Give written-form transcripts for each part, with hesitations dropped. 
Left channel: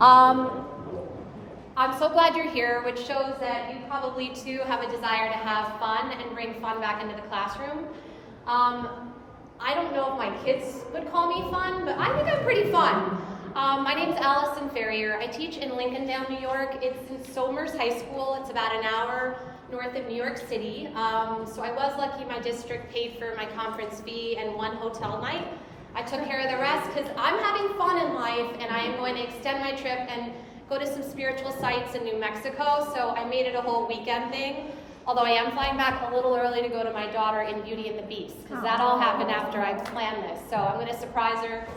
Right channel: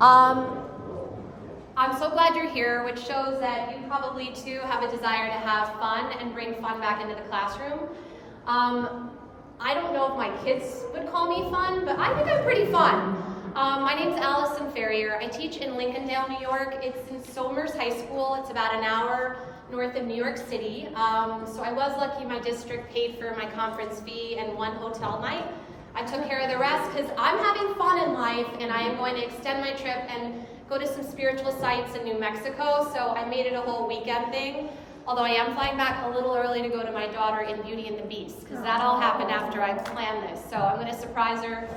I'm so glad you're here, which shows that you probably too have a desire to have fun and bring fun back into the classroom. I don't know if my kids would call me fun, but I think I'm pretty fun. My name's Allison Ferrier. I teach in Lincolndale, New York. It's in Somers High School. It's about an hour north of New York City. So I was lucky my district paid for my conference fee and one hotel night. I took care of the rest because I'm having fun in life, and I am going to extend my trip and go to some spiritual sites in New Mexico. So I made it a whole weekend thing. Although I am flying back a little early to go to my daughter in Beauty and the Beast, because that all happened after I planned this. So I'm going to surprise her.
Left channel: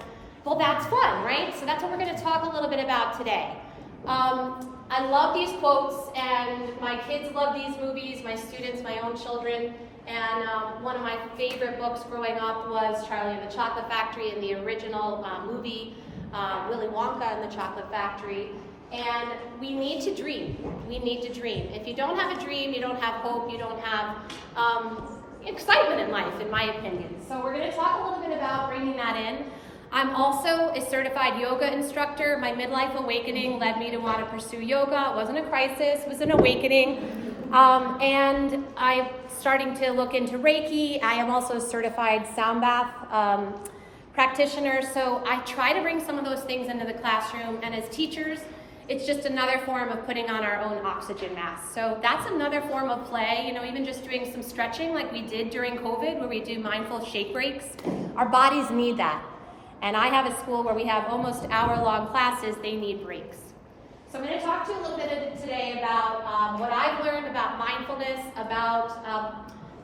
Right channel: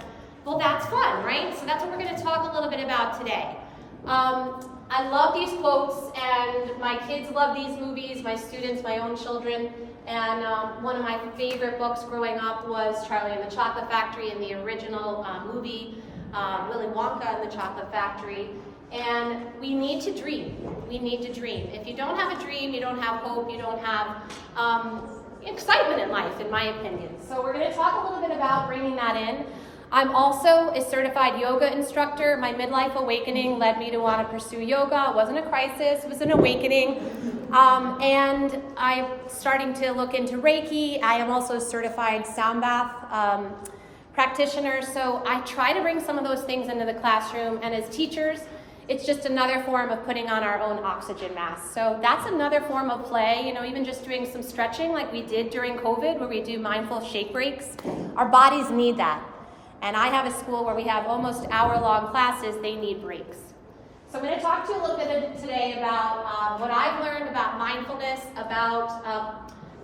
Well, that's fun, right? So that's what we're going to talk a little bit about today. I love these quotes, and my kids love these movies, my students, my own children. And one of my favorite books growing up was Charlie and the Chocolate Factory, and the original movie, Willy Wonka and the Chocolate Factory. And we need to dream. We need to dream. If you don't have a dream, you don't have hope, you don't have excitement in life, in my opinion. So we're going to talk a little bit about bringing that in. I'm also a certified yoga instructor. My midlife awakening led me to want to pursue yoga. It wasn't a crisis, it was an awakening. And I'm starting to look into Reiki. I am also a certified sound bath practitioner. So I try to bring some of those things into the classroom. And as teachers, it's just another form of putting on our own oxygen mask. So that's another form of play, even just doing some stretching like we did during COVID, where we do mindful shake breaks. Our bodies need that. And I have a school where we have almost hour-long classes. They need breaks. So I'm going to talk to you a little bit today about what I've learned about mindfulness, about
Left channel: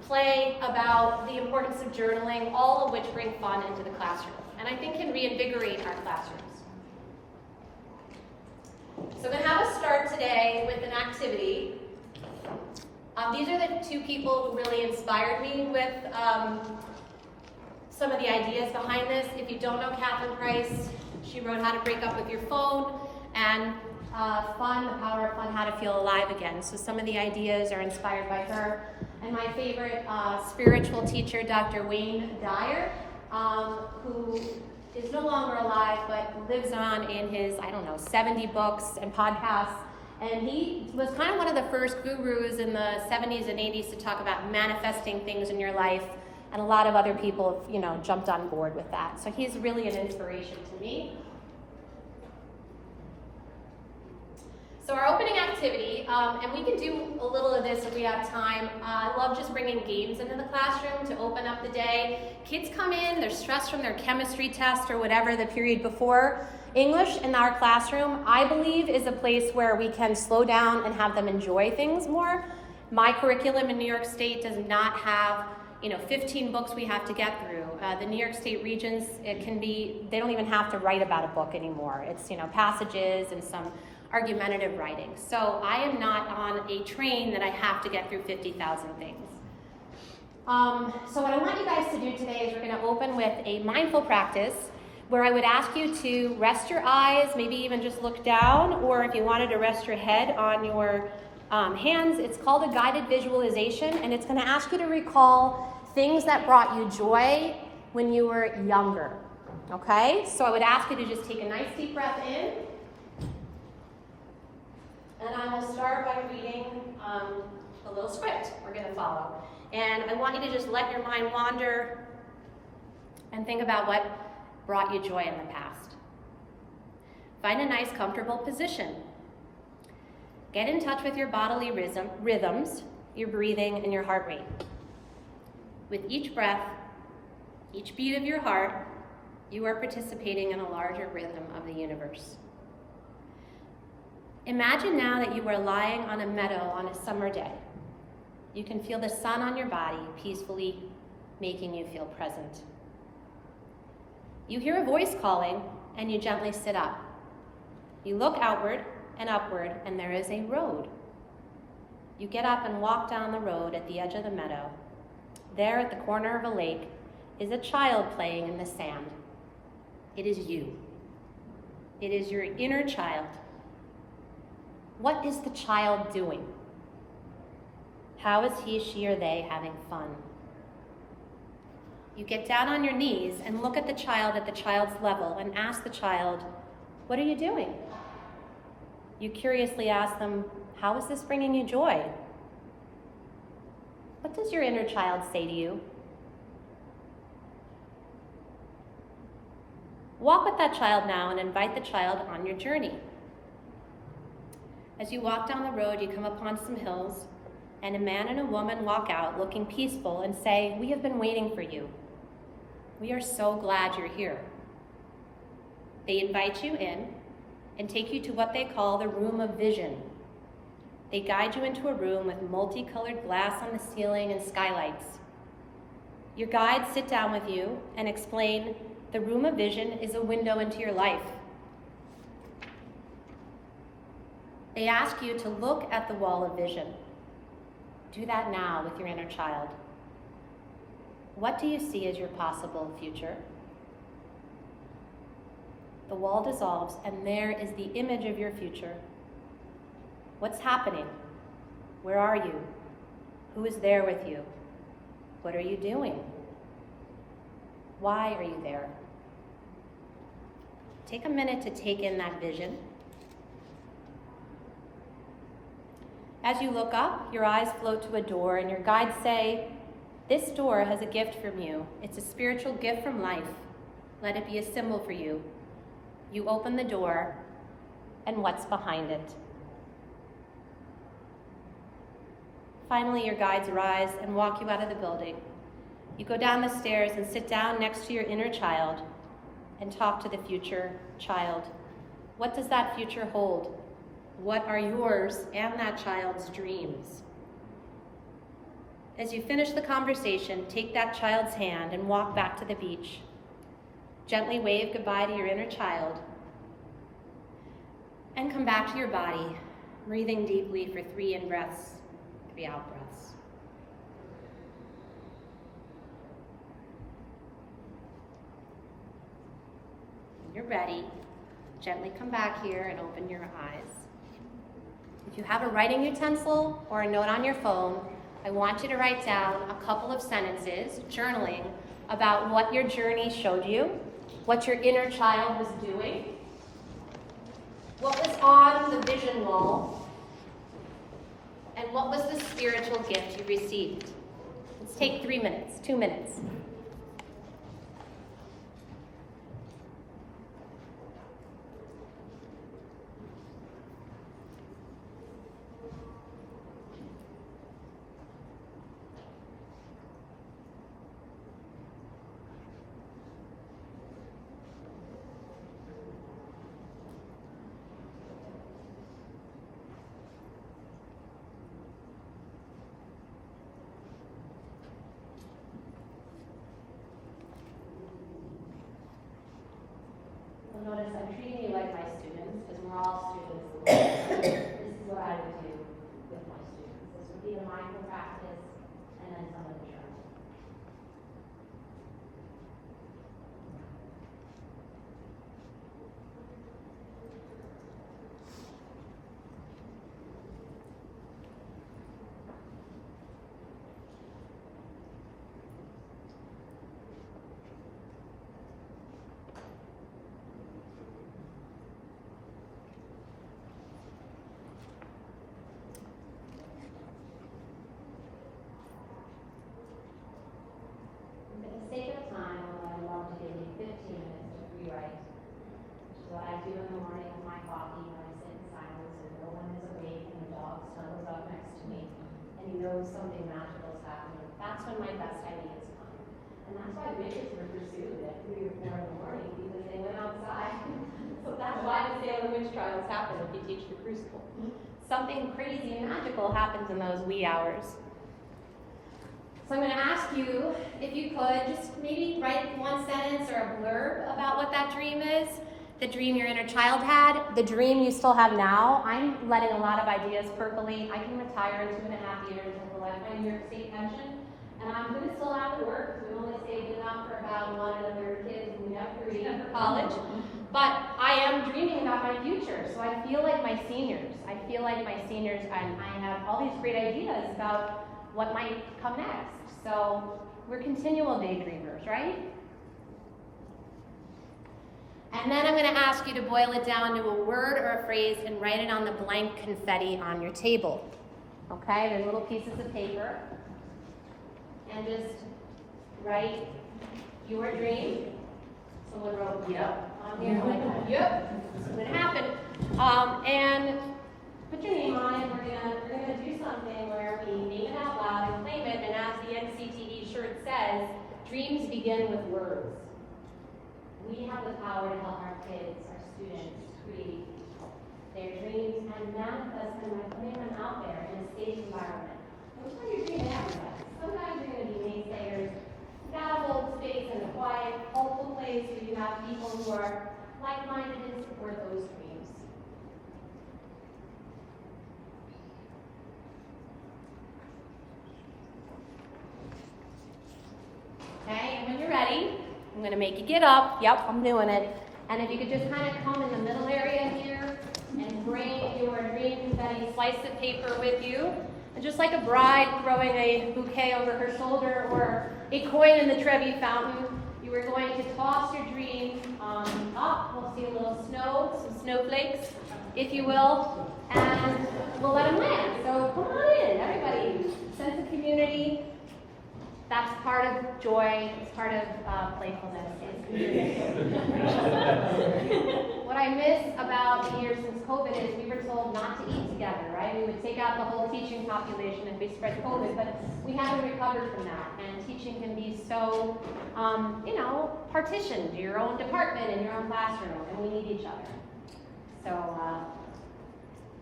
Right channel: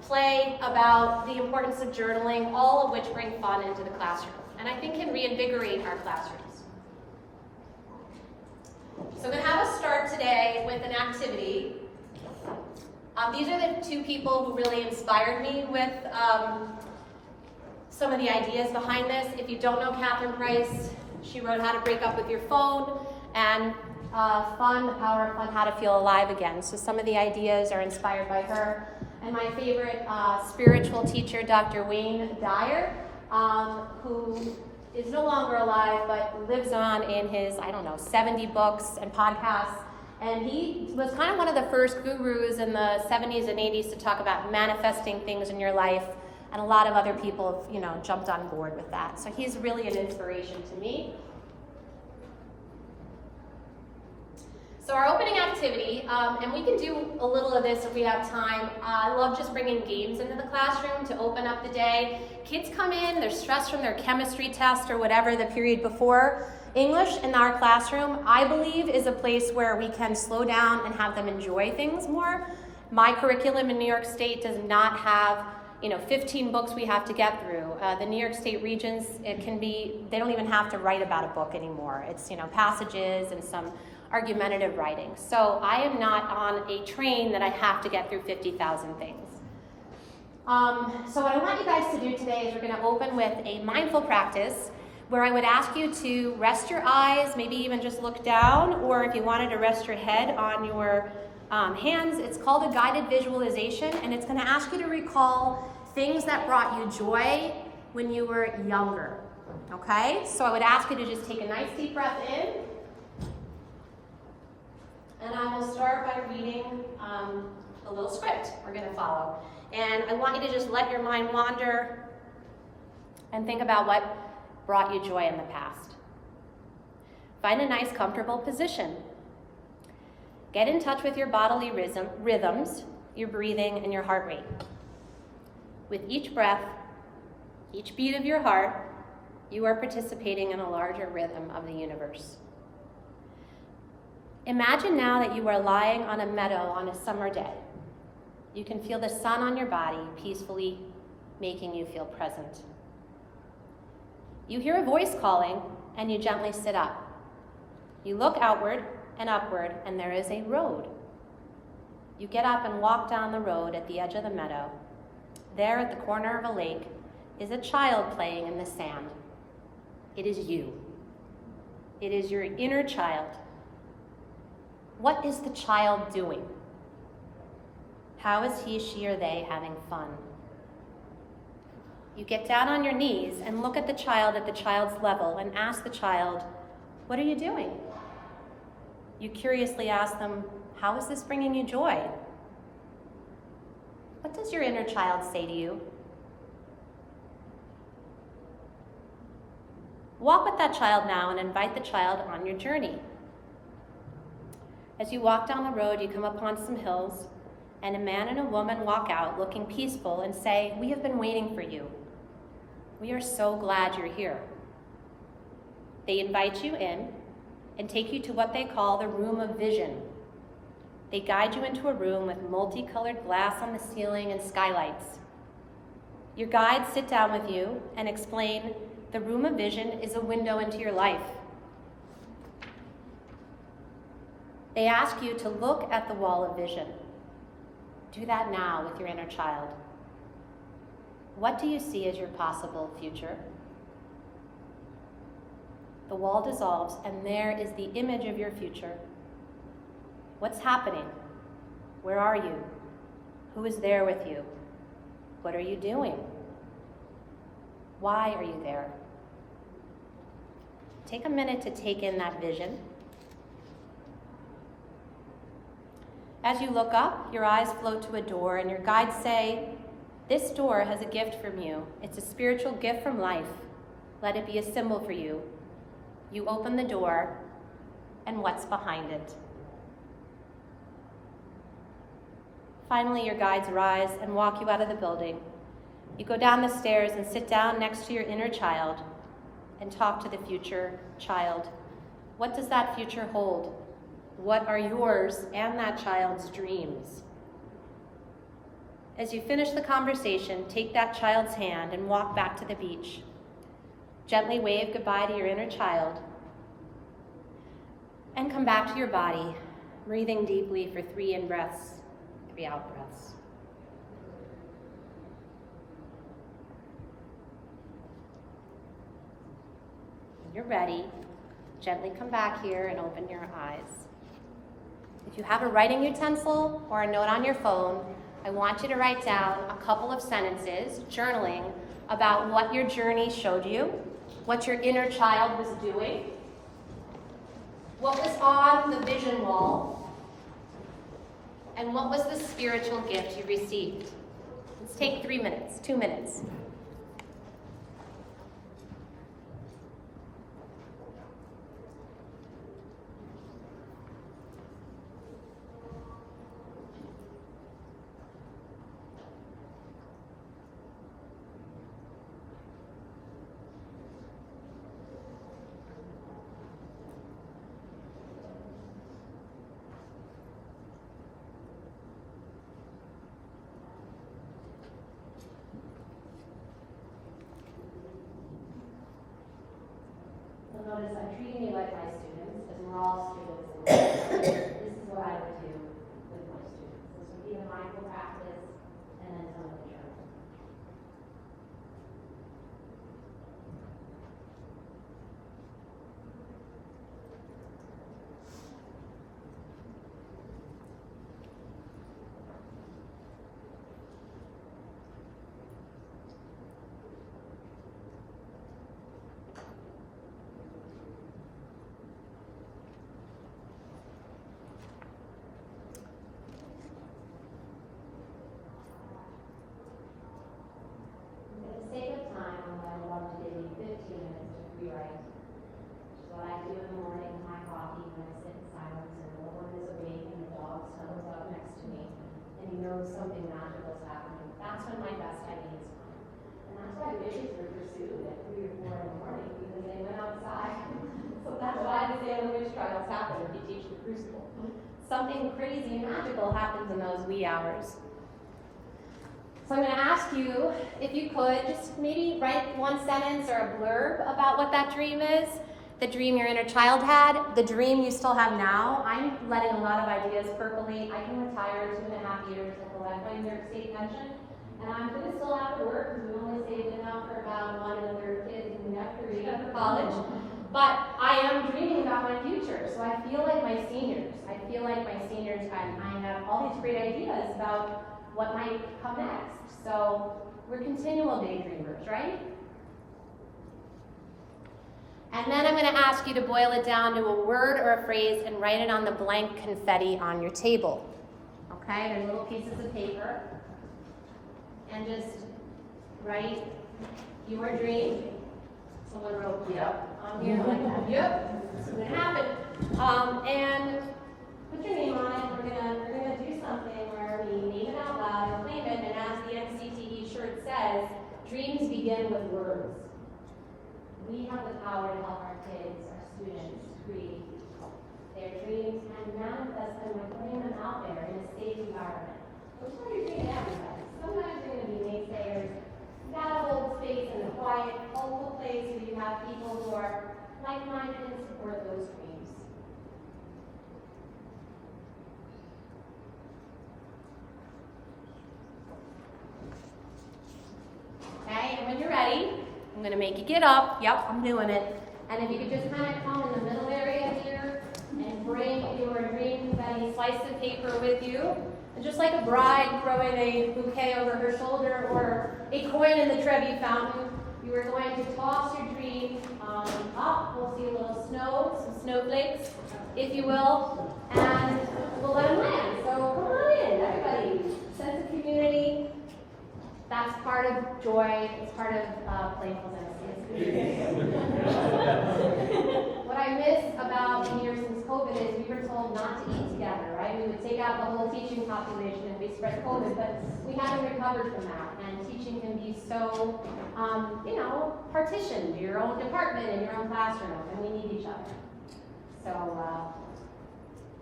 play, about the importance of journaling, all of which bring fun into the classroom, and I think can reinvigorate our classrooms. So I'm going to have us start today with an activity. These are the two people who really inspired me with some of the ideas behind this. If you don't know Catherine Price, she wrote How to Break Up With Your Phone and Fun, The Power of Fun, How to Feel Alive Again. So some of the ideas are inspired by her. And my favorite spiritual teacher, Dr. Wayne Dyer, who is no longer alive, but lives on in his, 70 books and podcasts. And he was kind of one of the first gurus in the 70s and 80s to talk about manifesting things in your life. And a lot of other people, jumped on board with that. So he's really an inspiration to me. So our opening activity, and we can do a little of this if we have time. I love just bringing games into the classroom to open up the day. Kids come in, they're stressed from their chemistry test or whatever the period before. English in our classroom, I believe, is a place where we can slow down and have them enjoy things more. My curriculum in New York State does not have 15 books we have to get through. The New York State regions, they don't even have to write about a book anymore. It's, passages and some argumentative writing. So I am not on a train that I have to get through 50,000 things. So what I want you guys to do today is we're going to open with a mindful practice where I would ask you to rest your eyes, maybe even just look down, or if you wanted to rest your head on your hands. It's called a guided visualization, and it's going to ask you to recall things that brought you joy when you were younger. Okay? So I would ask you to just take a nice deep breath in. And I will start by reading a little script we're going to follow. And I want you to just let your mind wander and think about what brought you joy in the past. Find a nice, comfortable position. Get in touch with your bodily rhythms, your breathing, and your heart rate. With each breath, each beat of your heart, you are participating in a larger rhythm of the universe. Imagine now that you are lying on a meadow on a summer day. You can feel the sun on your body peacefully making you feel present. You hear a voice calling, and you gently sit up. You look outward and upward, and there is a road. You get up and walk down the road at the edge of the meadow. There at the corner of a lake is a child playing in the sand. It is you. It is your inner child. What is the child doing? How is he, she, or they having fun? You get down on your knees and look at the child's level and ask the child, what are you doing? You curiously ask them, how is this bringing you joy? What does your inner child say to you? Walk with that child now and invite the child on your journey. As you walk down the road, you come upon some hills, and a man and a woman walk out looking peaceful and say, we have been waiting for you. We are so glad you're here. They invite you in and take you to what they call the room of vision. They guide you into a room with multicolored glass on the ceiling and skylights. Your guides sit down with you and explain the room of vision is a window into your life. They ask you to look at the wall of vision. Do that now with your inner child. What do you see as your possible future? The wall dissolves, and there is the image of your future. What's happening? Where are you? Who is there with you? What are you doing? Why are you there? Take a minute to take in that vision. As you look up, your eyes float to a door, and your guides say, this door has a gift from you. It's a spiritual gift from life. Let it be a symbol for you. You open the door, and what's behind it? Finally, your guides rise and walk you out of the building. You go down the stairs and sit down next to your inner child and talk to the future child. What does that future hold? What are yours and that child's dreams? As you finish the conversation, take that child's hand and walk back to the beach. Gently wave goodbye to your inner child and come back to your body, breathing deeply for 3 in breaths, 3 out breaths. When you're ready, gently come back here and open your eyes. If you have a writing utensil or a note on your phone, I want you to write down a couple of sentences, journaling, about what your journey showed you, what your inner child was doing, what was on the vision wall, and what was the spiritual gift you received. Let's take 3 minutes, 2 minutes. Notice I'm treating you like my students because we're all students. This is what I would do with my students. This would be the mindful practice and then some of the journal. Something magical is happening. That's when my best ideas come. And that's why witches were pursued at 3 or 4 in the morning because they went outside. So that's why the Salem witch trials happen if you teach the crucible. Something crazy and magical happens in those wee hours. So I'm going to ask you, if you could, just maybe write 1 sentence or a blurb about what that dream is. The dream your inner child had, the dream you still have now. I'm letting a lot of ideas percolate. I can retire in 2.5 years with a lifetime New York State pension, and I'm going to still have to work because we've only saved enough for about 1 1/3 kids, and we have 3 for college. But I am dreaming about my future, so I feel like my seniors. And I have all these great ideas about what might come next. So we're continual daydreamers, right? And then I'm going to ask you to boil it down to a word or a phrase and write it on the blank confetti on your table. Okay, the little pieces of paper. And just write your dream. Someone wrote yep on here, like that. Yep, that's what happened. And put your name on it. We're gonna do something where we name it out loud and claim it. And as the NCTE shirt says, dreams begin with words. We have the power to help our kids, our students, create their dreams and manifest them and bring them out there in a safe environment. Which one are you dreaming at? Sometimes you're going to be naysayers. You got to hold space in a quiet, hopeful place where you have people who are like-minded and support those dreams. Okay, and when you're ready, I'm going to make you get up. Yep, I'm doing it. And if you could just kind of come in the middle area here and bring your dream confetti slice of paper with you. And just like a bride throwing a bouquet over her shoulder or a coin in the Trevi fountain, you are going to toss your dream up. We'll see a little snow, some snowflakes, if you will, and we'll let them land. So come on in, everybody. Sense of community. That's part of joy. It's part of playfulness. What I miss about the year since COVID is we were told not to eat together, right? We would take out the whole teaching population and we spread COVID, but we haven't recovered from that. And teaching can be so, partitioned, your own department and your own classroom, and we need each other. So,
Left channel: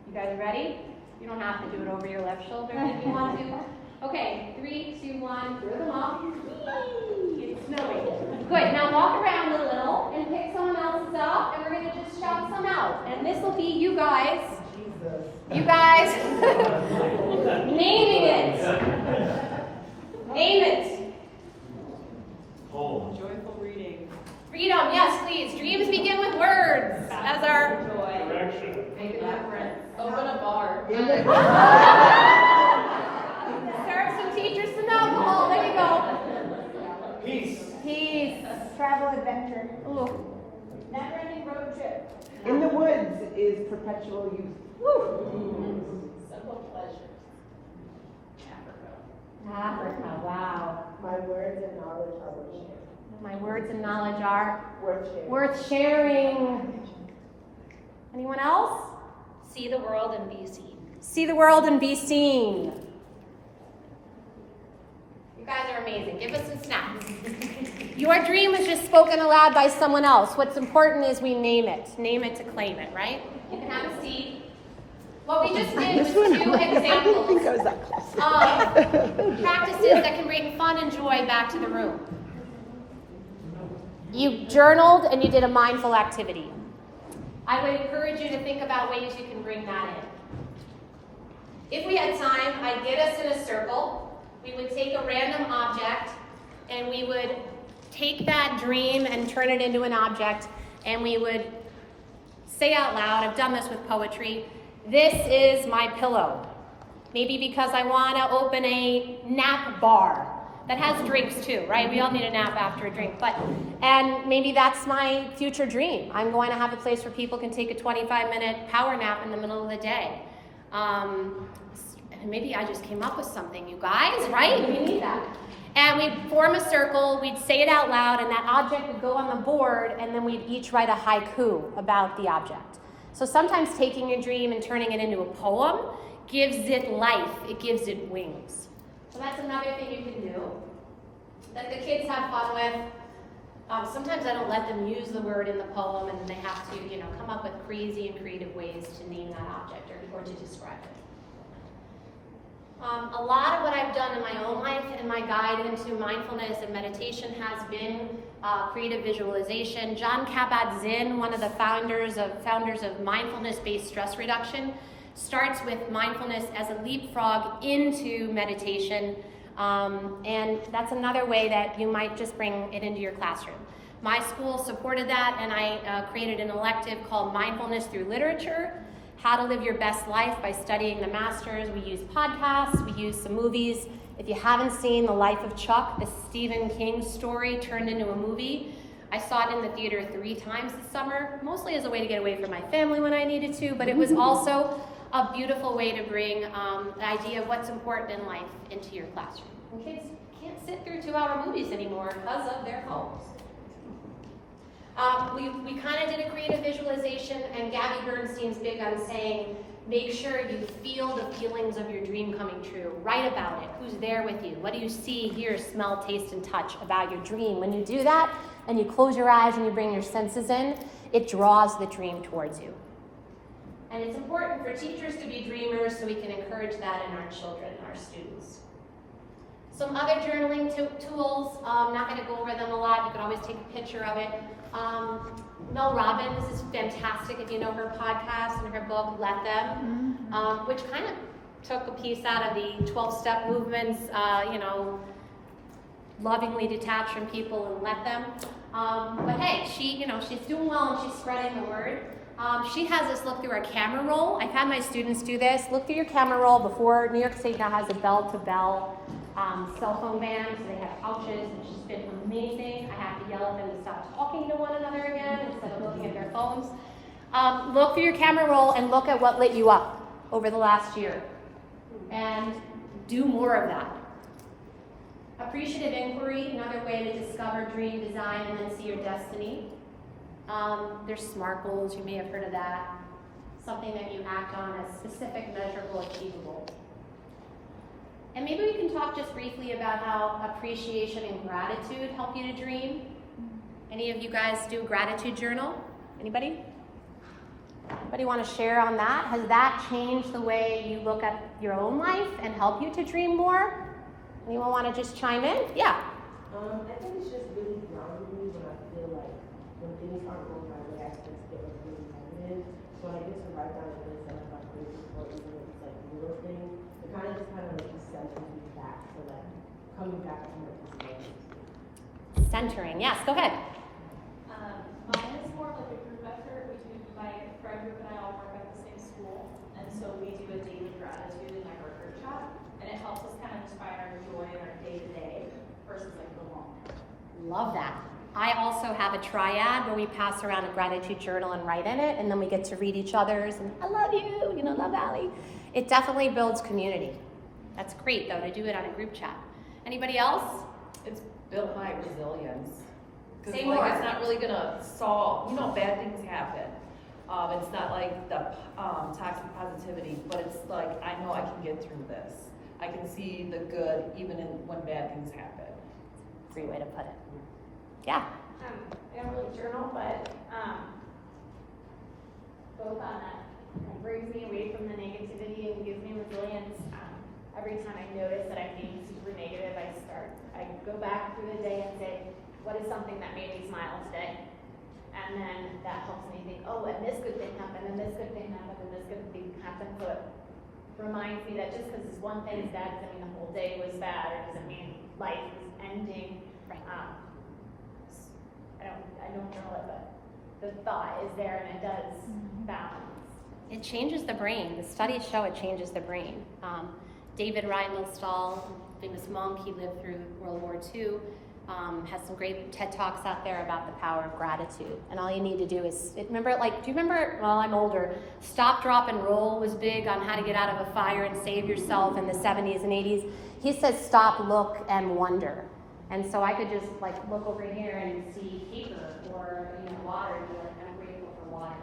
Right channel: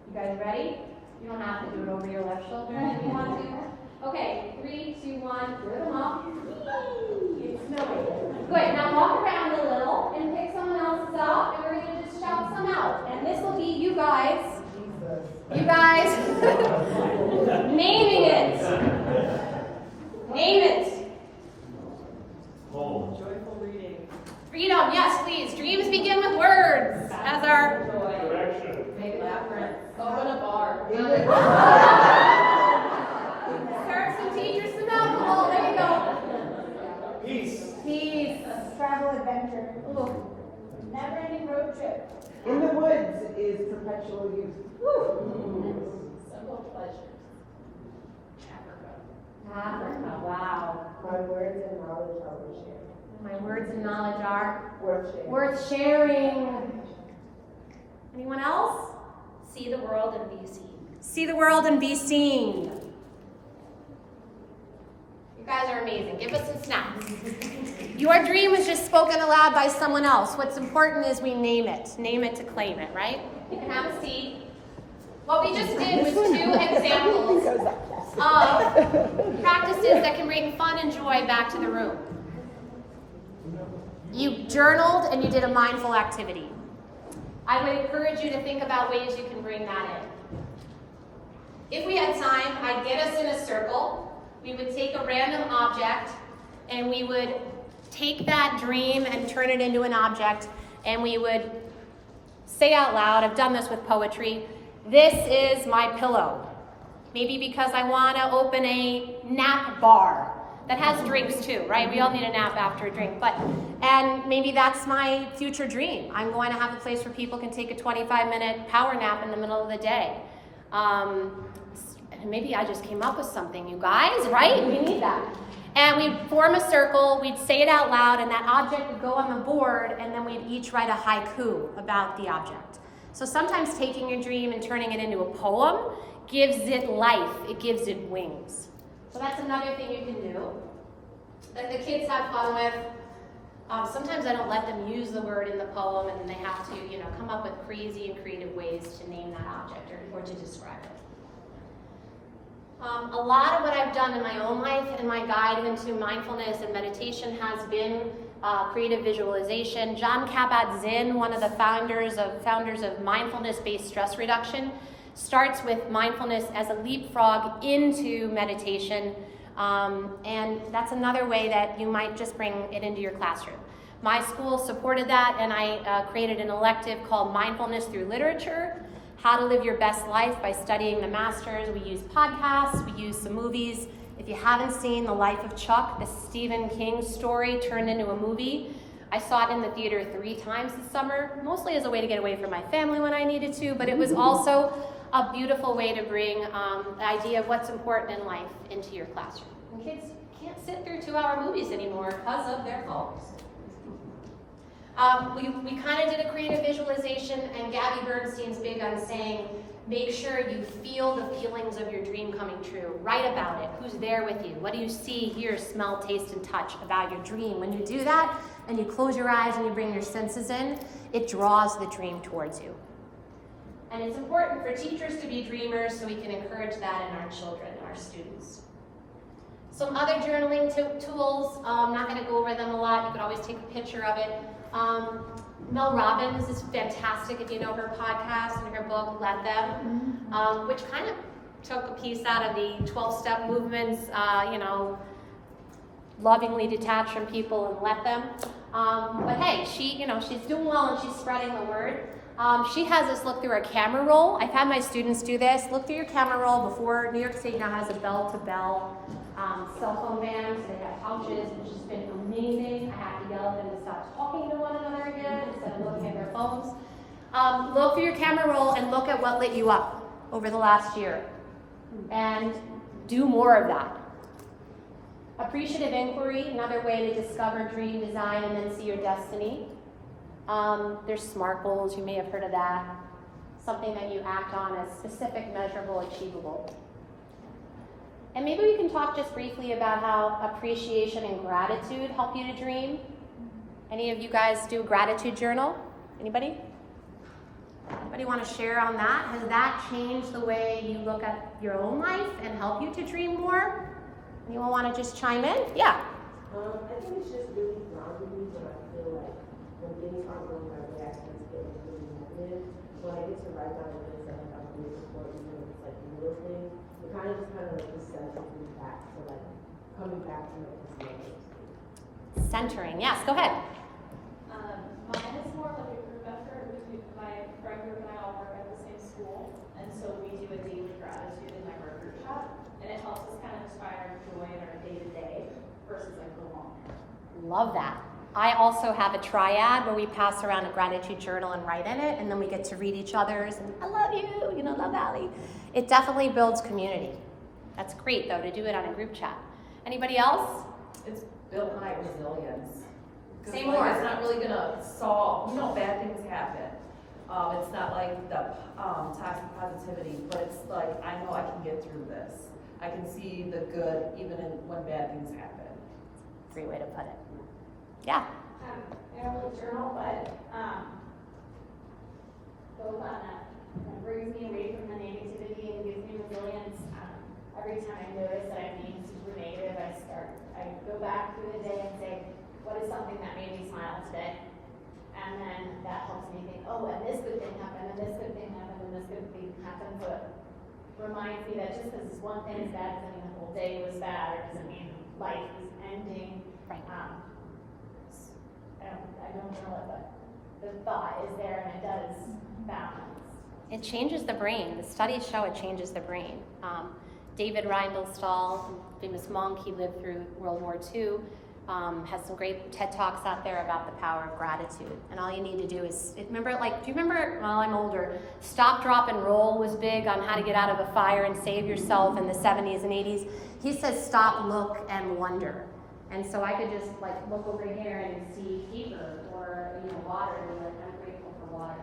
you guys ready? You don't have to do it over your left shoulder if you want to. Okay, 3, 2, 1, throw them up. Yay! It's snowing. Good, now walk around a little and pick someone else's up, and we're going to just shout some out. And this will be you guys. Naming it. Name it. Home. Joyful reading. Freedom, yes, please. Dreams begin with words. As our Direction. Open a bar. serve some teachers some alcohol. There you go. Peace. Peace. Travel adventure. Ooh. Never-ending road trip. In the woods is perpetual youth. Simple pleasures. Africa. Wow. My words and knowledge are worth sharing. My words and knowledge are Worth sharing. worth sharing. Anyone else? See the world and be seen. See the world and be seen. You guys are amazing. Give us some snaps. Your dream was just spoken aloud by someone else. What's important is we name it. Name it to claim it, right? You can have a seat. What we just did was 2 examples of practices that can bring fun and joy back to the room. You journaled and you did a mindful activity. I would encourage you to think about ways you can bring that in. If we had time, I'd get us in a circle. We would take a random object and we would take that dream and turn it into an object, and we would say out loud, I've done this with poetry, this is my pillow. Maybe because I want to open a nap bar that has drinks too, right? We all need a nap after a drink. And maybe that's my future dream. I'm going to have a place where people can take a 25-minute power nap in the middle of the day. Maybe I just came up with something, you guys, right? We need that. And we'd form a circle, we'd say it out loud, and that object would go on the board, and then we'd each write a haiku about the object. So sometimes taking a dream and turning it into a poem gives it life, it gives it wings. So that's another thing you can do that the kids have fun with. Sometimes I don't let them use the word in the poem, and then they have to, come up with crazy and creative ways to name that object or to describe it. A lot of what I've done in my own life and my guide into mindfulness and meditation has been creative visualization. John Kabat-Zinn, one of the founders of mindfulness-based stress reduction, starts with mindfulness as a leapfrog into meditation, and that's another way that you might just bring it into your classroom. My school supported that, and I created an elective called Mindfulness Through Literature, How to Live Your Best Life by Studying the Masters. We use podcasts, we use some movies. If you haven't seen The Life of Chuck, the Stephen King story turned into a movie, I saw it in the theater 3 times this summer, mostly as a way to get away from my family when I needed to, but it was also a beautiful way to bring the idea of what's important in life into your classroom. And kids can't sit through 2-hour movies anymore because of their phones. We kind of did a creative visualization, and Gabby Bernstein's big on saying, make sure you feel the feelings of your dream coming true. Write about it. Who's there with you? What do you see, hear, smell, taste, and touch about your dream? When you do that, and you close your eyes and you bring your senses in, it draws the dream towards you. And it's important for teachers to be dreamers so we can encourage that in our children, our students. Some other journaling tools, I'm not going to go over them a lot. You could always take a picture of it. Mel Robbins is fantastic if you know her podcast and her book, Let Them, which kind of took a piece out of the 12-step movements, lovingly detach from people and let them. But hey, she's doing well and she's spreading the word. She has us look through our camera roll. I've had my students do this. Look through your camera roll before. New York State now has a bell-to-bell cell phone ban, so they have pouches. It's just been amazing. I have to yell at them to stop talking to one another again instead of looking at their phones. Look through your camera roll and look at what lit you up over the last year. And do more of that. Appreciative inquiry, another way to discover, dream, design, and then see your destiny. There's SMART goals, you may have heard of that. Something that you act on as specific, measurable, achievable. And maybe we can talk just briefly about how appreciation and gratitude help you to dream. Any of you guys do a gratitude journal? Anybody? Anybody want to share on that? Has that changed the way you look at your own life and help you to dream more? Anyone want to just chime in? Yeah. I think it's just really grounding me when I feel like when things aren't going my way, I just feel really negative. So I get to write down the things that I'm grateful for, even if it's like little things. It kind of just centers me back to like coming back to my personality. Centering, yes, go ahead. Mine is more like a group effort. My friend group and I all work at the same school, and so we do a daily gratitude in like our group chat, and it helps us kind of just find our joy in our day-to-day versus like the long term. Love that. I also have a triad where we pass around a gratitude journal and write in it, and then we get to read each other's, and I love you, love Allie. It definitely builds community. That's great, though, to do it on a group chat. Anybody else? It's built my resilience. Say more. It's not really gonna solve, bad things happen. It's not like the toxic positivity, but it's like, I know I can get through this. I can see the good even when bad things happen. Great way to put it. Yeah. I don't really journal, but both on that brings me away from the negativity and gives me resilience. Every time I notice that I'm being super negative, I go back through the day and say, what is something that made me smile today? And then that helps me think, oh, and this good thing happened, and this good thing happened, and this good thing happened. So it reminds me that just because this one thing is bad doesn't mean the whole day was bad, or doesn't mean life is ending. Right. I don't know, but the thought is there and it does balance. It changes the brain. The studies show it changes the brain. David Reindelstahl, famous monk, he lived through World War II, has some great TED Talks out there about the power of gratitude. And all you need to do is, do you remember, well, I'm older, Stop, Drop, and Roll was big on how to get out of a fire and save yourself in the 70s and 80s. He says stop, look, and wonder. And so I could just look over here and see paper or water and be like, I'm grateful for water,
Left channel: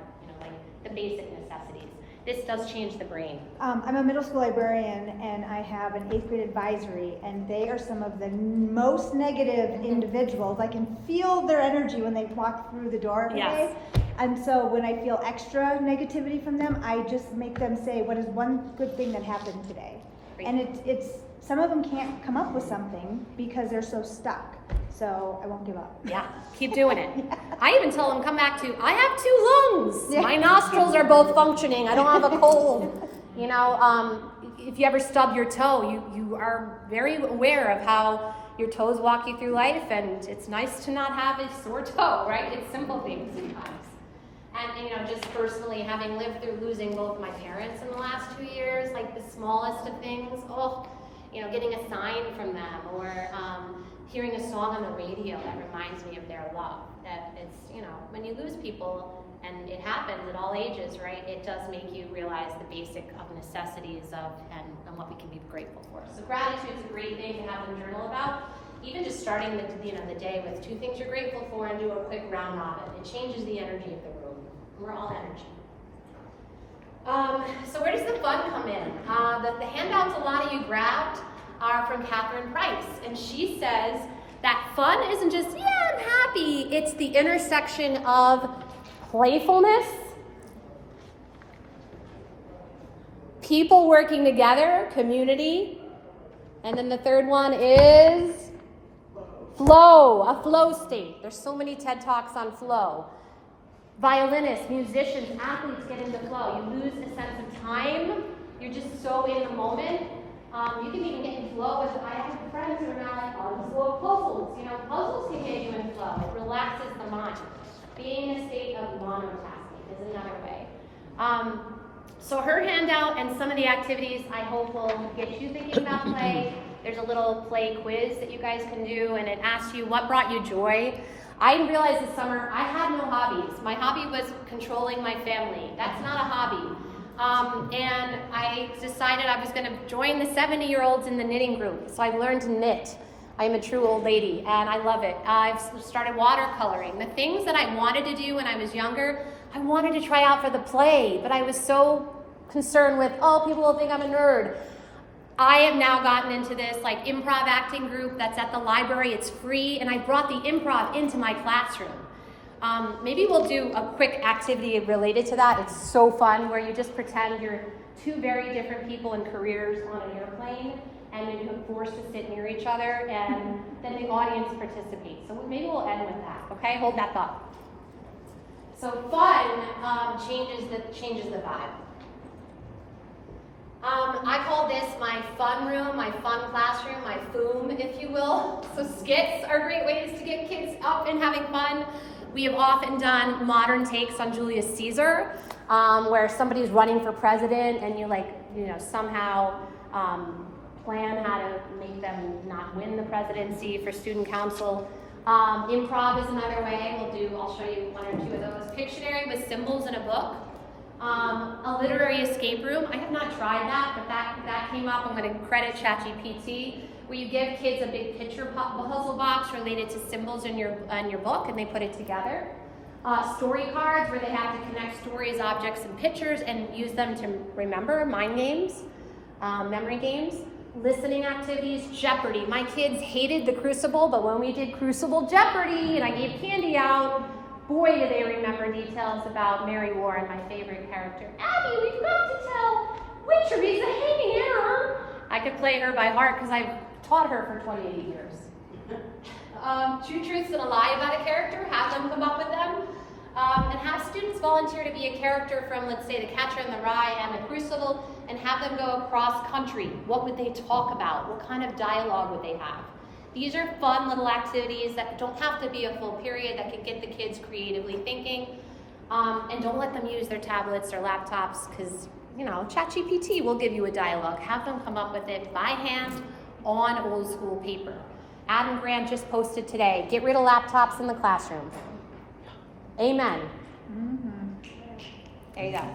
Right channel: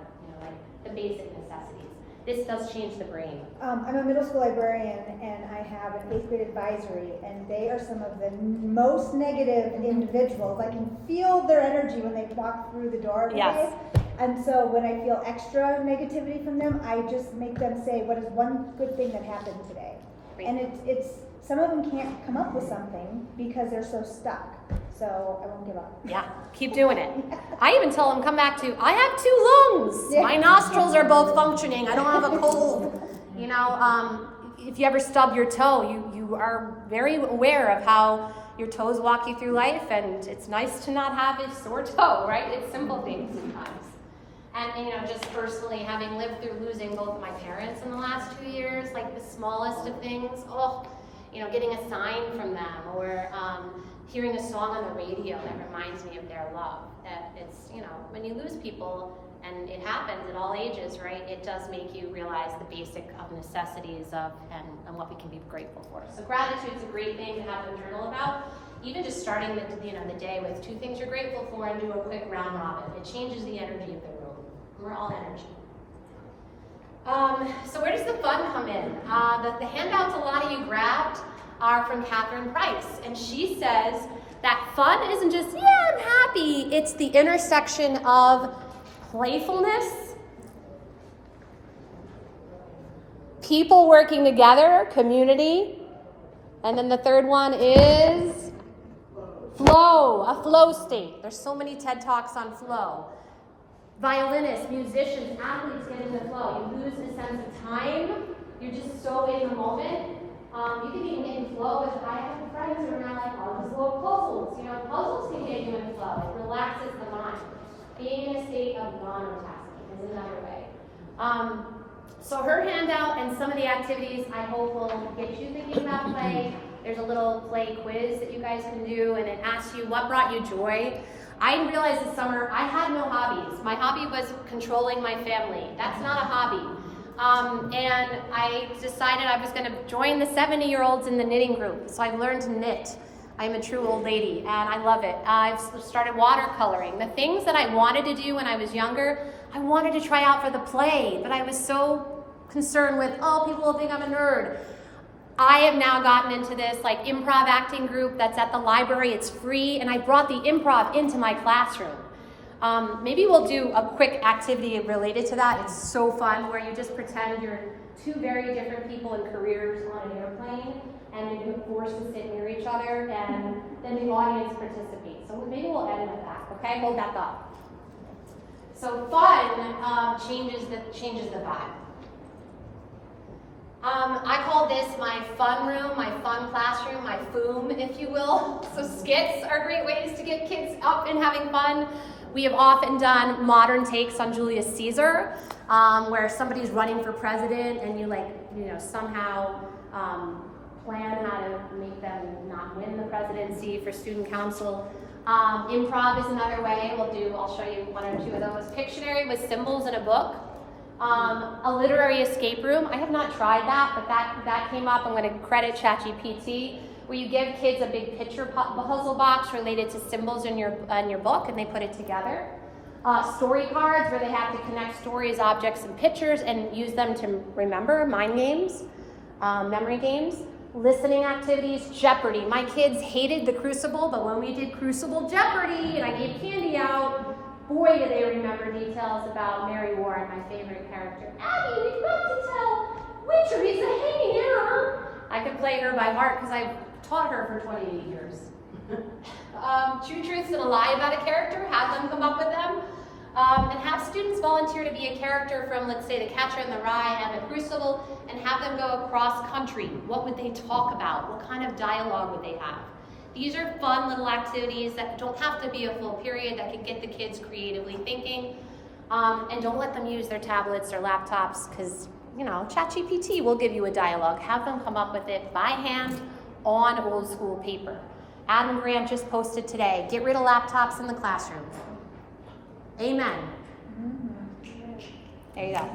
the basic necessities. This does change the brain. I'm a middle school librarian, and I have an 8th grade advisory, and they are some of the most negative individuals. I can feel their energy when they walk through the door every day. And so when I feel extra negativity from them, I just make them say, what is one good thing that happened today? Great. And it's some of them can't come up with something because they're so stuck. So I won't give up. Yeah, keep doing it. I even tell them, come back to, I have 2 lungs. Yeah. My nostrils are both functioning. I don't have a cold. If you ever stub your toe, you are very aware of how your toes walk you through life, and it's nice to not have a sore toe, right? It's simple things sometimes. And just personally, having lived through losing both of my parents in the last 2 years, the smallest of things, getting a sign from them or hearing a song on the radio that reminds me of their love. that it's, you know, when you lose people, and it happens at all ages, right, it does make you realize the basic of necessities of and what we can be grateful for. So gratitude is a great thing to have them journal about. Even just starting the day with 2 things you're grateful for and do a quick round robin. It changes the energy of the room. We're all energy. So where does the fun come in? The handouts a lot of you grabbed are from Catherine Price, and she says that fun isn't just, yeah, I'm happy. It's the intersection of playfulness, people working together, community, and then the third one is flow, a flow state. There's so many TED Talks on flow. Violinists, musicians, athletes get into flow. You lose the sense of time. You're just so in the moment. You can even get in flow with, I have friends who are now like, oh, just flow puzzles. You know, puzzles can get you in flow. It relaxes the mind. Being in a state of monotasking is another way. So her handout and some of the activities I hope will get you thinking about play. There's a little play quiz that you guys can do, and it asks you what brought you joy. I realized this summer I had no hobbies. My hobby was controlling my family. That's not a hobby. And I decided I was going to join the 70-year-olds in the knitting group. So I learned to knit. I'm a true old lady, and I love it. I've started watercoloring. The things that I wanted to do when I was younger, I wanted to try out for the play, but I was so concerned with, oh, people will think I'm a nerd. I have now gotten into this like improv acting group that's at the library. It's free, and I brought the improv into my classroom. Maybe we'll do a quick activity related to that. It's so fun, where you just pretend you're 2 very different people in careers on an airplane, and then you're forced to sit near each other, and then the audience participates. So maybe we'll end with that, okay? Hold that thought. So fun changes the vibe. I call this my fun room, my fun classroom, my FOOM, if you will. So skits are great ways to get kids up and having fun. We have often done modern takes on Julius Caesar, where somebody's running for president and you somehow plan how to make them not win the presidency for student council. Improv is another way. I'll show you 1 or 2 of those. Pictionary with symbols in a book. A literary escape room. I have not tried that, but that came up. I'm going to credit ChatGPT, where you give kids a big picture puzzle box related to symbols in your book, and they put it together. Story cards, where they have to connect stories, objects, and pictures, and use them to remember. Mind games, memory games. Listening activities, Jeopardy. My kids hated the Crucible, but when we did Crucible Jeopardy and I gave candy out, boy, do they remember details about Mary Warren, my favorite character. Abby, we forgot to tell Wait, Teresa, hanging error. I could play her by heart because I've taught her for 28 years. 2 truths and a lie about a character, have them come up with them. And have students volunteer to be a character from, let's say, The Catcher in the Rye and The Crucible, and have them go across country. What would they talk about? What kind of dialogue would they have? These are fun little activities that don't have to be a full period, that can get the kids creatively thinking. And don't let them use their tablets or laptops, because, ChatGPT will give you a dialogue. Have them come up with it by hand on old school paper. Adam Grant just posted today, get rid of laptops in the classroom. Amen. Mm-hmm. There you go.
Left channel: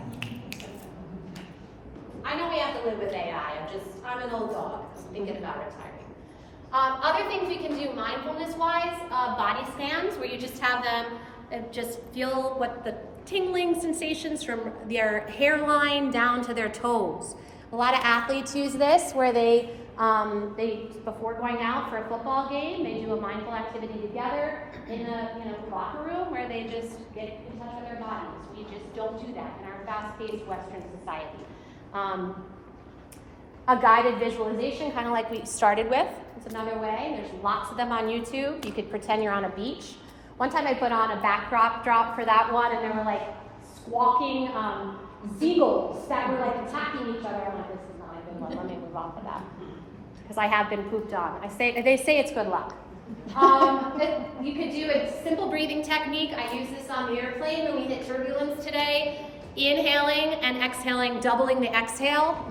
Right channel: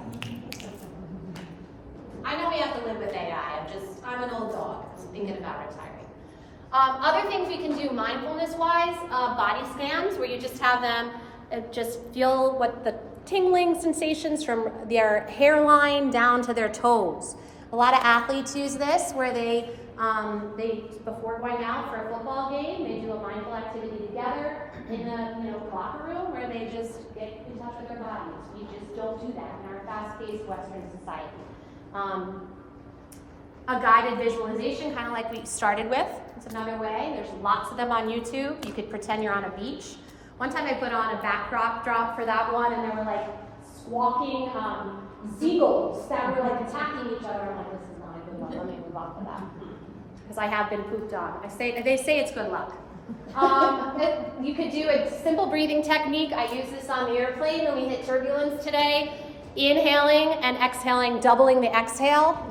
I know we have to live with AI. I'm an old dog. I'm thinking about retiring. Other things we can do mindfulness-wise, body scans, where you just have them just feel what the tingling sensations from their hairline down to their toes. A lot of athletes use this, where they before going out for a football game, they do a mindful activity together in the locker room, where they just get in touch with their bodies. We just don't do that in our fast-paced Western society. A guided visualization, kind of like we started with. It's another way. There's lots of them on YouTube. You could pretend you're on a beach. One time I put on a backdrop for that one, and they were like squawking seagulls that were like attacking each other. I'm like, this is not good luck. Let me move off of that, because I have been pooped on. They say it's good luck. You could do a simple breathing technique. I use this on the airplane when we hit turbulence today. Inhaling and exhaling, doubling the exhale.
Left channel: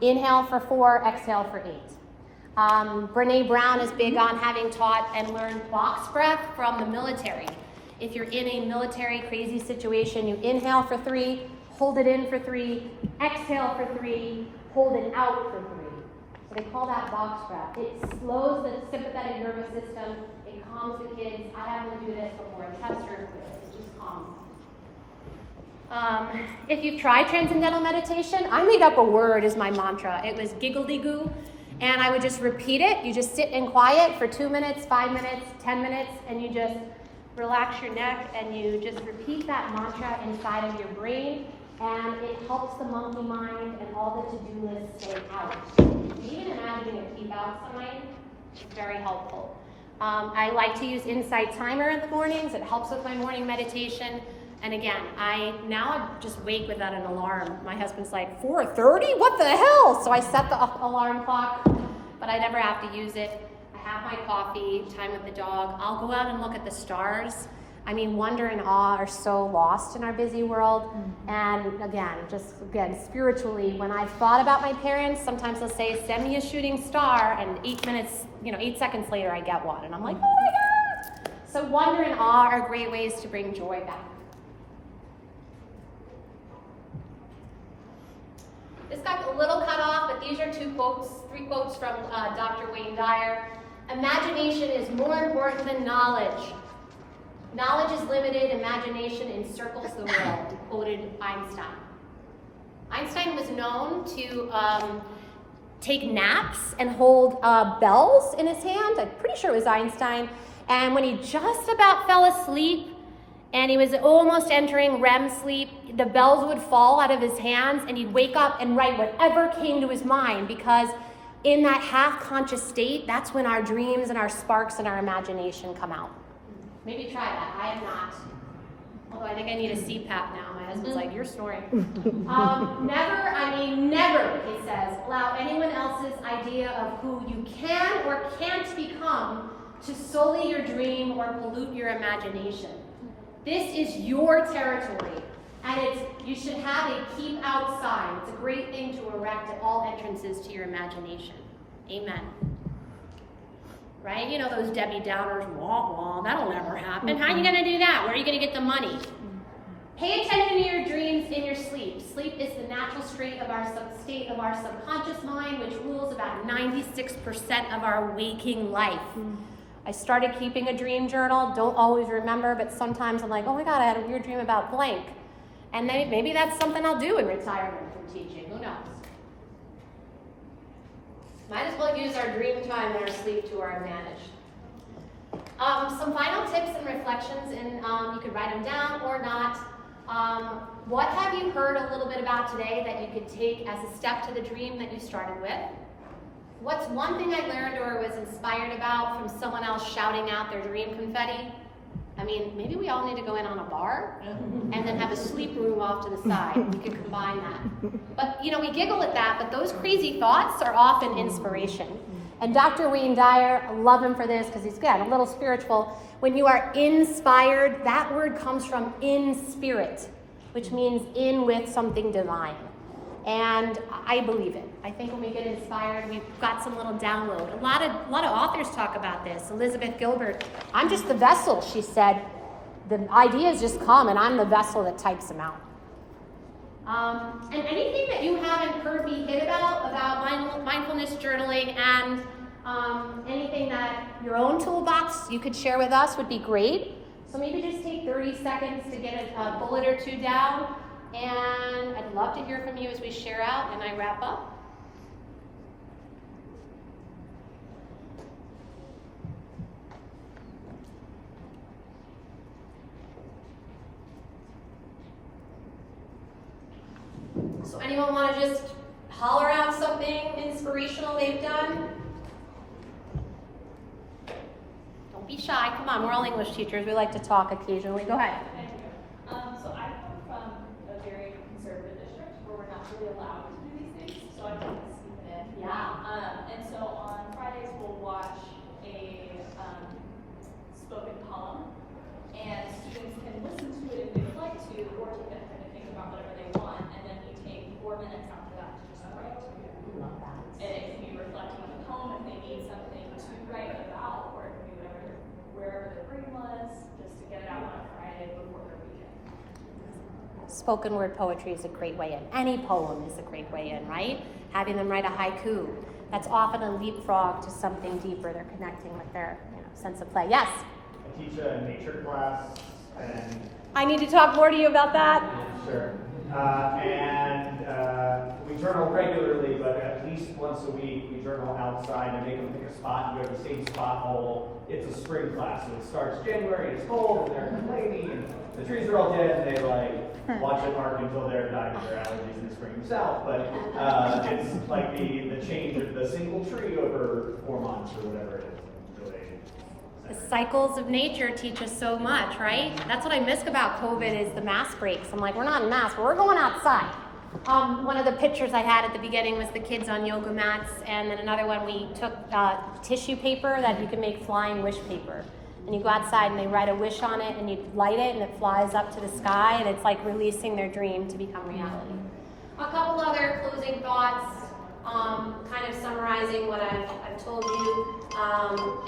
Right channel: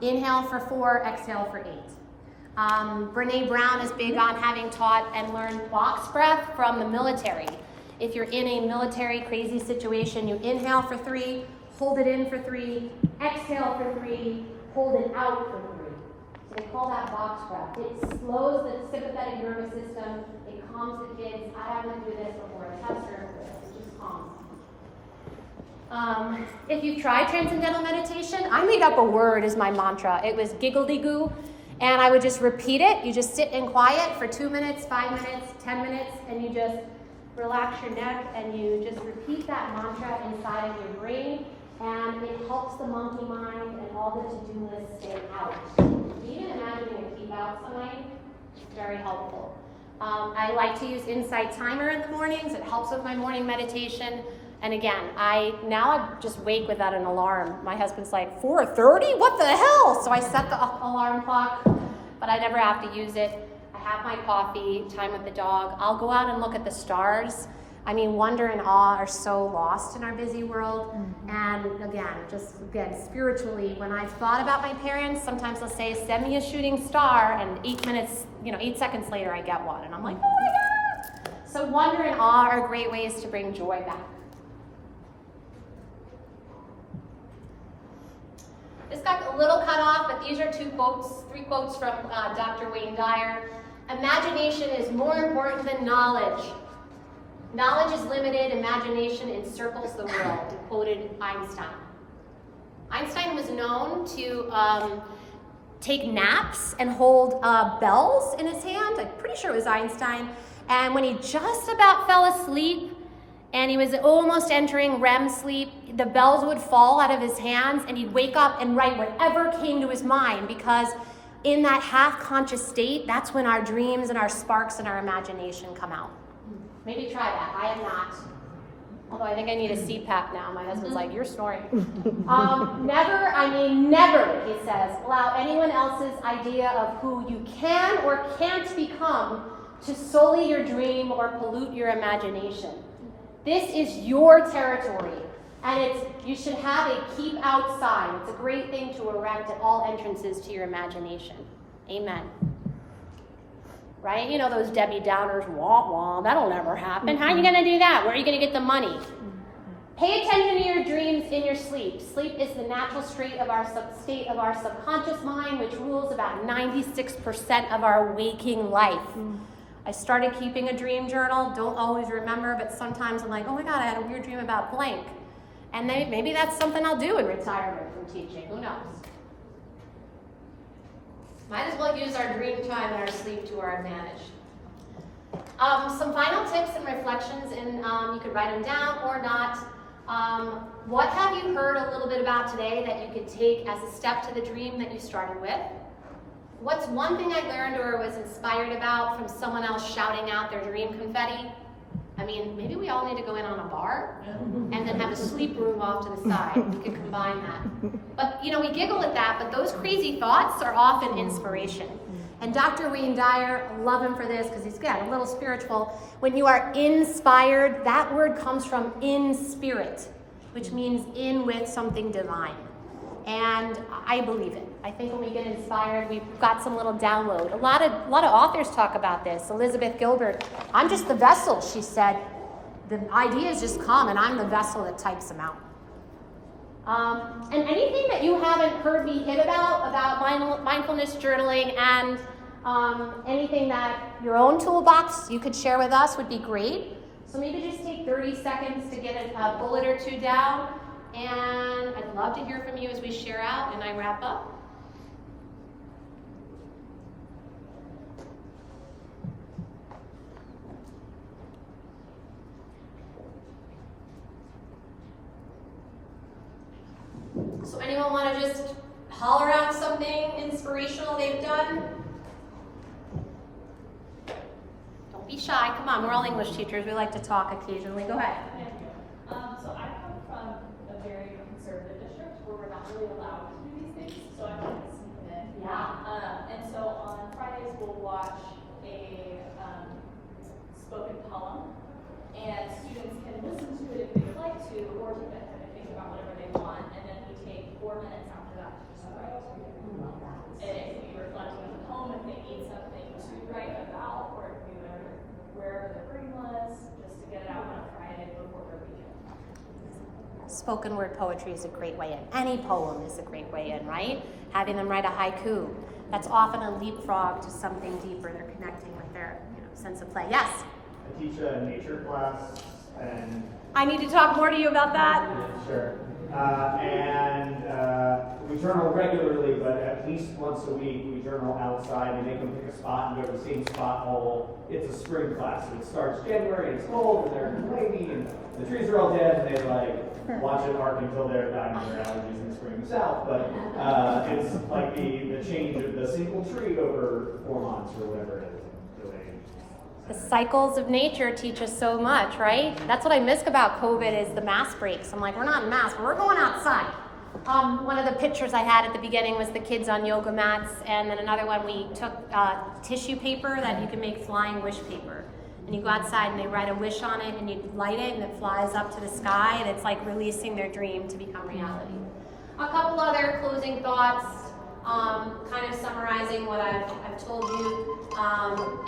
Inhale for 4, exhale for 8. Brene Brown is big on having taught and learned box breath from the military. If you're in a military crazy situation, you inhale for 3, hold it in for 3, exhale for 3, hold it out for 3. So they call that box breath. It slows the sympathetic nervous system. It calms the kids. I haven't looked at this before. The house group, it just calms. If you've tried transcendental meditation, I made up a word as my mantra. It was giggle-de-goo, and I would just repeat it. You just sit in quiet for 2 minutes, 5 minutes, 10 minutes, and you just relax your neck, and you just repeat that mantra inside of your brain, and it helps the monkey mind and all the to-do lists stay out. Even imagining a keep out sign is very helpful. I like to use Insight Timer in the mornings. It helps with my morning meditation. And again, I just wake without an alarm. My husband's like, 4:30? What the hell? So I set the alarm clock, but I never have to use it. I have my coffee, time with the dog. I'll go out and look at the stars. I mean, wonder and awe are so lost in our busy world. And again, spiritually, when I've thought about my parents, sometimes they'll say, send me a shooting star, and 8 seconds later I get one. And I'm like, oh my God. So wonder and awe are great ways to bring joy back. This got a little cut off, but these are 3 quotes from Dr. Wayne Dyer. Imagination is more important than knowledge. Knowledge is limited, imagination encircles the world. He quoted Einstein. Einstein was known to take naps and hold bells in his hand. I'm pretty sure it was Einstein. And when he just about fell asleep, and he was almost entering REM sleep, the bells would fall out of his hands, and he'd wake up and write whatever came to his mind, because in that half-conscious state, that's when our dreams and our sparks and our imagination come out. Maybe try that. I have not. Although I think I need a CPAP now. My husband's like, you're snoring. Never, he says, allow anyone else's idea of who you can or can't become to sully your dream or pollute your imagination. This is your territory, and you should have a keep out sign. It's a great thing to erect at all entrances to your imagination. Amen. Right? You know those Debbie Downers, wah wah, that'll never happen. How are you going to do that? Where are you going to get the money? Pay attention to your dreams in your sleep. Sleep is the natural state of our subconscious mind, which rules about 96% of our waking life. I started keeping a dream journal. Don't always remember, but sometimes I'm like, oh my God, I had a weird dream about blank. And maybe that's something I'll do in retirement from teaching. Who knows? Might as well use our dream time and our sleep to our advantage. Some final tips and reflections, and you could write them down or not. What have you heard a little bit about today that you could take as a step to the dream that you started with? What's one thing I learned or was inspired about from someone else shouting out their dream confetti? I mean, maybe we all need to go in on a bar and then have a sleep room off to the side. We could combine that. But, we giggle at that, but those crazy thoughts are often inspiration. And Dr. Wayne Dyer, I love him for this because he's, again, a little spiritual. When you are inspired, that word comes from in spirit, which means in with something divine. And I believe it. I think when we get inspired, we've got some little download. A lot of authors talk about this. Elizabeth Gilbert, I'm just the vessel, she said. The ideas just come, and I'm the vessel that types them out. And anything that you haven't heard me hit about mindfulness journaling and anything that your own toolbox you could share with us would be great. So maybe just take 30 seconds to get a bullet or 2 down. And I'd love to hear from you as we share out and I wrap up. So anyone want to just holler out something inspirational they've done? Don't be shy. Come on, we're all English teachers. We like to talk occasionally. Go ahead. So I come from a very conservative district where we're not really allowed to do these things, so I wanted to sneak them in. Yeah. And so on Fridays we'll watch a spoken poem, and students can listen to it if they would like to, or take that time to think about whatever they want, and then we take 4 minutes after that to just write. And it can be reflecting on the poem if they need dreamless, just to get it out on Friday before the weekend. Spoken word poetry is a great way in. Any poem is a great way in, right? Having them write a haiku. That's often a leapfrog to something deeper. They're connecting with their sense of play. Yes? I teach a nature class, and I need to talk more to you about that. sure. We journal regularly, but at least once a week we journal outside and make them pick a spot and go to the same spot all. It's a spring class, so it starts January, it's cold, and they're complaining, and the trees are all dead, and they like watch it park until they're dying of their allergies in the spring themselves. But it's like the change of the single tree over 4 months or whatever it is. The cycles of nature teach us so much, right? That's what I miss about COVID is the mask breaks. I'm like, we're not in masks, but we're going outside. One of the pictures I had at the beginning was the kids on yoga mats, and then another one we took tissue paper that you can make flying wish paper. And you go outside and they write a wish on it and you light it and it flies up to the sky and it's like releasing their dream to become reality. A couple other closing thoughts, kind of summarizing what I've told you,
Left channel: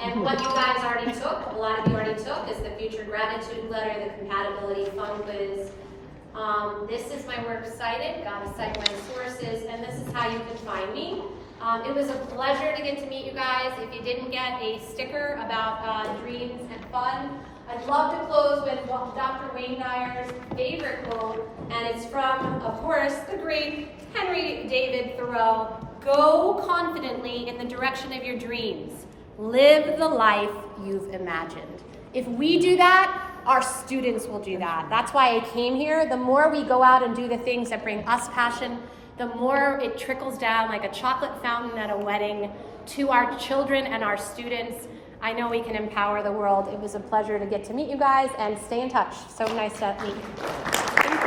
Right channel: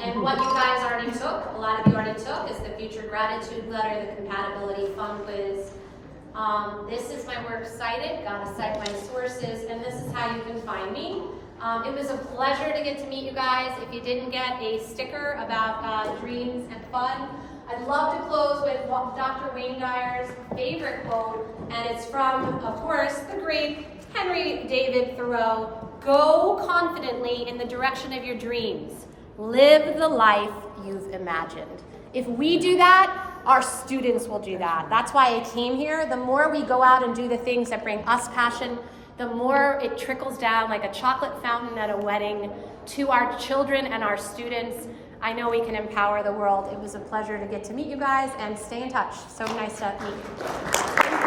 and what you guys already took, a lot of you already took, is the Future Gratitude Letter, the Compatibility Fun Quiz. This is my works cited, gotta cite my sources, and this is how you can find me. It was a pleasure to get to meet you guys. If you didn't get a sticker about dreams and fun, I'd love to close with Dr. Wayne Dyer's favorite quote, and it's from, of course, the great Henry David Thoreau. Go confidently in the direction of your dreams. Live the life you've imagined. If we do that, our students will do that. That's why I came here. The more we go out and do the things that bring us passion, the more it trickles down like a chocolate fountain at a wedding to our children and our students. I know we can empower the world. It was a pleasure to get to meet you guys and stay in touch. So nice to meet you.